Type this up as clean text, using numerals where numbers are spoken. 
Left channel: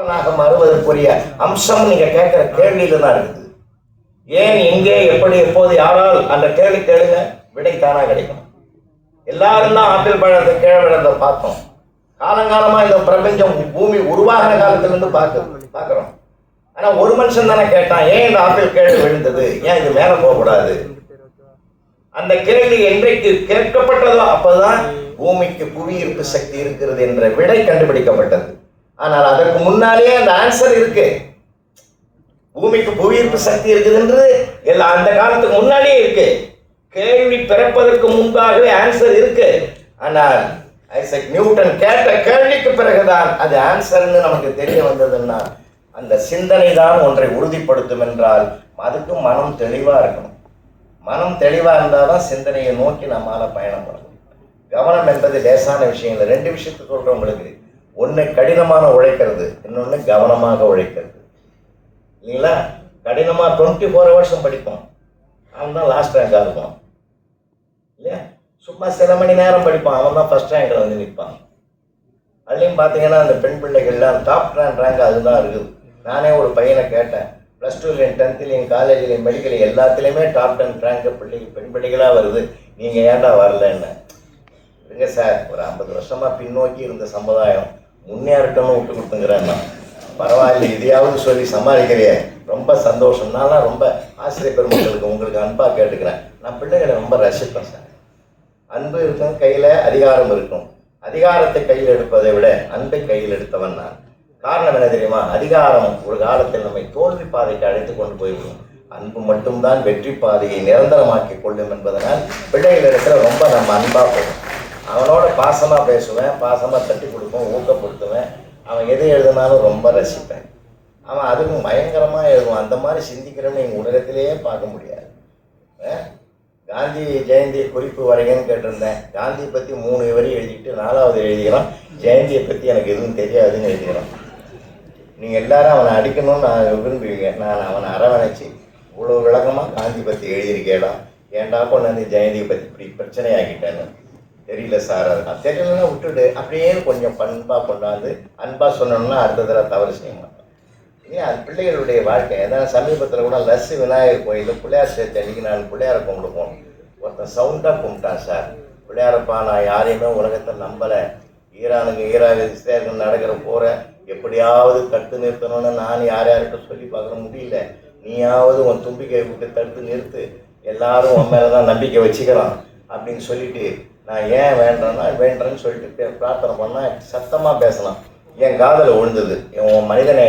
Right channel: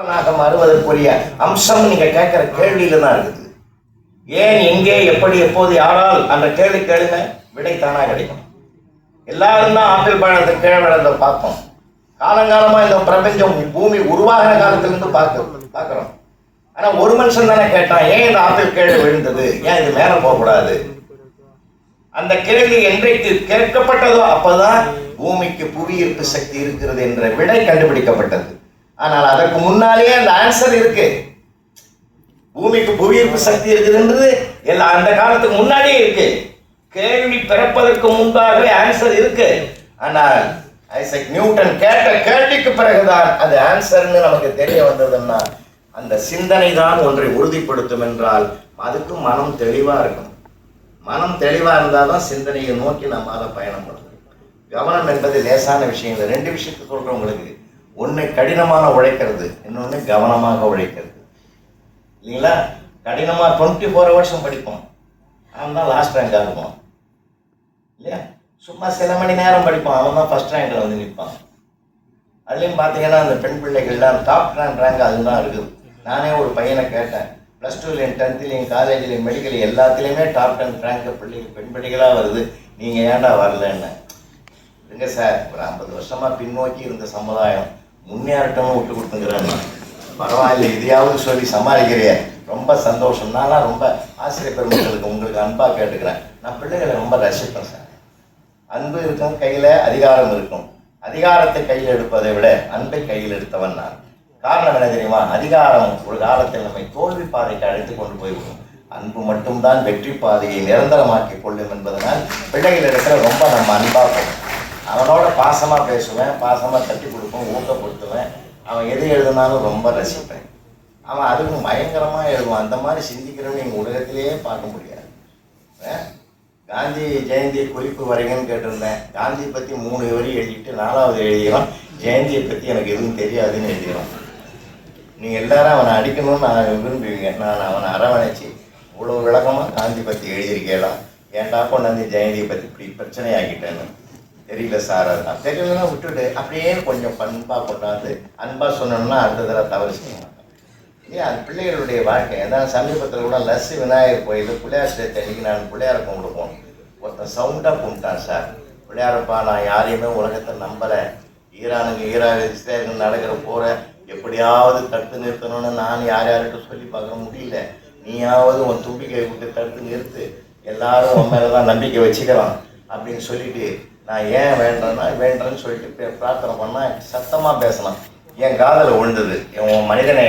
மாறுவதற்குரிய அம்சம் நீங்க கேட்கிற கேள்வியில தான் இருக்குது. ஏன், எங்கே, எப்படி, எப்போது, யாரால் அந்த கேள்வி கேளுங்க, விடை தானா கிடைக்கும். எல்லாரும் தான் ஆப்பிள் பழத்தை கீழே விழுந்த பார்த்தோம். காலங்காலமா இந்த பிரபஞ்சம் பூமி உருவாகிற காலத்துல இருந்து பார்க்கிறோம். ஆனா ஒரு மனுஷன் தானே கேட்டான், ஏன் இந்த ஆப்பிள் கீழே விழுந்தது, ஏன் இது மேல போகக்கூடாது? அந்த கேள்வி என்றைக்கு கேட்கப்பட்டதோ அப்பதான் பூமிக்கு புவி ஈர்ப்பு சக்தி இருக்கிறது என்ற விடை கண்டுபிடிக்கப்பட்டது. ஆனால் அதற்கு முன்னாலேயே அந்த ஆன்சர் இருக்கு. பூமிக்கு புவி ஈர்ப்பு சக்தி இருக்குதுன்றது எல்லாம் அந்த காலத்துக்கு முன்னாடியே இருக்கு. கேள்வி பிறப்பதற்கு முன்பாகவே ஆன்சர் இருக்கு. ஆனால் ஐசக் நியூட்டன் கேட்ட கேள்விக்கு பிறகுதான் அது ஆன்சர்னு நமக்கு தெரிய வந்ததுன்னா அந்த சிந்தனை தான் ஒன்றை உறுதிப்படுத்தும் என்றால் அதுக்கும் மனம் தெளிவா இருக்கும். மனம் தெளிவா இருந்தால்தான் சிந்தனையை நோக்கி நம்மால பயணம் பண்ணணும். கவனம் என்பது லேசான விஷயம் இல்லை. ரெண்டு விஷயத்தை சொல்றேன் உங்களுக்கு. ஒன்று கடினமாக உழைக்கிறது, இன்னொன்று கவனமாக உழைக்கிறது. இல்லைங்களா? கடினமாக 24 hours படிப்போம், அவன் தான் லாஸ்ட் ரேங்காக இருப்பான். இல்லையா? சும்மா சில மணி நேரம் படிப்பான், அவன் தான் ஃபர்ஸ்ட் ரேங்கில் வந்து நிற்பான். அதுலேயும் பார்த்தீங்கன்னா அந்த பெண் பிள்ளைகள்லாம் டாப் ரேங்க் அதுதான் இருக்குது. நானே ஒரு பையனை கேட்டேன், +2லையும் 10லையும் காலேஜ்லையும் மெடிக்கல் எல்லாத்துலேயுமே டாப் 10 ரேங்க் பெண் பிள்ளைகளாக வருது, நீங்கள் ஏன்டா வரலன்னு. இல்லைங்க சார், ஒரு 50 வருஷமாக பின்னோக்கி இருந்த சமுதாயம் முன்னேறட்டம்னு விட்டு கொடுத்துங்கிறாங்க. பரவாயில்லை, இதையாவது சொல்லி சமாளிக்கிறிய, ரொம்ப சந்தோஷம். நான்லாம் ரொம்ப ஆசிரியர் பெருமக்களுக்கு உங்களுக்கு அன்பாக கேட்டுக்கிறேன். நான் பிள்ளைகளை ரொம்ப ரசிப்பேன் சார். அன்பு இருக்கும், கையில் அதிகாரம் இருக்கும். அதிகாரத்தை கையில் எடுப்பதை விட அன்பை கையில் எடுத்தவன் நான். காரணம் என்ன தெரியுமா? அதிகாரம் ஒரு காலத்தில் நம்மை தோல்வி பாதைக்கு அழைத்து கொண்டு போய்விடும். அன்பு மட்டும்தான் வெற்றி பாதையை நிரந்தரமாக்கி கொள்ளும் என்பதனால் பிள்ளைகள் இடத்துல ரொம்ப நம்ம அன்பாக போகும். அவனோட பாசமாக பேசுவேன், பாசமாக தட்டி கொடுப்பேன், ஊக்கப்படுத்துவேன். அவன் எது எழுதினாலும் ரொம்ப ரசிப்பேன். அவன் அதுக்கும் பயங்கரமாக எழுதுவான். அந்த மாதிரி சிந்திக்கிறவன்னு எங்கள் உலகத்திலேயே பார்க்க முடியாது. காந்தி ஜெயந்தி குறிப்பு வரைங்கன்னு கேட்டிருந்தேன். காந்தி பற்றி 3 வரி எழுதிட்டு 4வது எழுதிக்கிறோம், ஜெயந்தியை பற்றி எனக்கு எதுவும் தெரியாதுன்னு எழுதிக்கிறோம். நீங்கள் எல்லாரும் அவனை அடிக்கணும்னு நான் விரும்புவீங்க. நான் அவனை அரவணைச்சி இவ்வளோ விளக்கமாக காந்தி பற்றி எழுதியிருக்கேடா, ஏன்டா கொண்டாந்து ஜெயந்தியை பற்றி இப்படி பிரச்சனை ஆகிட்டேன்னு. தெரியல சார், அதெல்லாம் தெரியலன்னா விட்டுட்டு அப்படியே கொஞ்சம் பண்பாக கொண்டாந்து அன்பாக சொன்னோம்னா அடுத்த தடவை தவறு செய்யணும். ஏன், அது பிள்ளைகளுடைய வாழ்க்கை. ஏதாவது சமீபத்தில் கூட லஸ்ஸி விநாயகர் கோயில் பிள்ளையார் சேர்த்து அன்றைக்கி நான் பிள்ளையாரை கும்பிட்டு போனோம். ஒருத்தன் சவுண்டாக கும்பிட்டான் சார், பிள்ளையாரப்பா நான் யாரையுமே உலகத்தை நம்பலை, இஸ்ரேலுக்கு நடக்கிற போகிற எப்படியாவது தடுத்து நிறுத்தணும்னு நான் யார்கிட்ட சொல்லி பார்க்குற முடியல, நீயாவது உன் தும்பிக்கை விட்டு தடுத்து நிறுத்து, எல்லாரும் உன் மேலே தான் நம்பிக்கை வச்சுக்கிறான் அப்படின்னு சொல்லிட்டு நான் ஏன் வேண்டேன்னு சொல்லிட்டு பிரார்த்தனை பண்ணால் சத்தமாக பேசலாம். என் காதில் விழுந்தது. உன் மனிதனை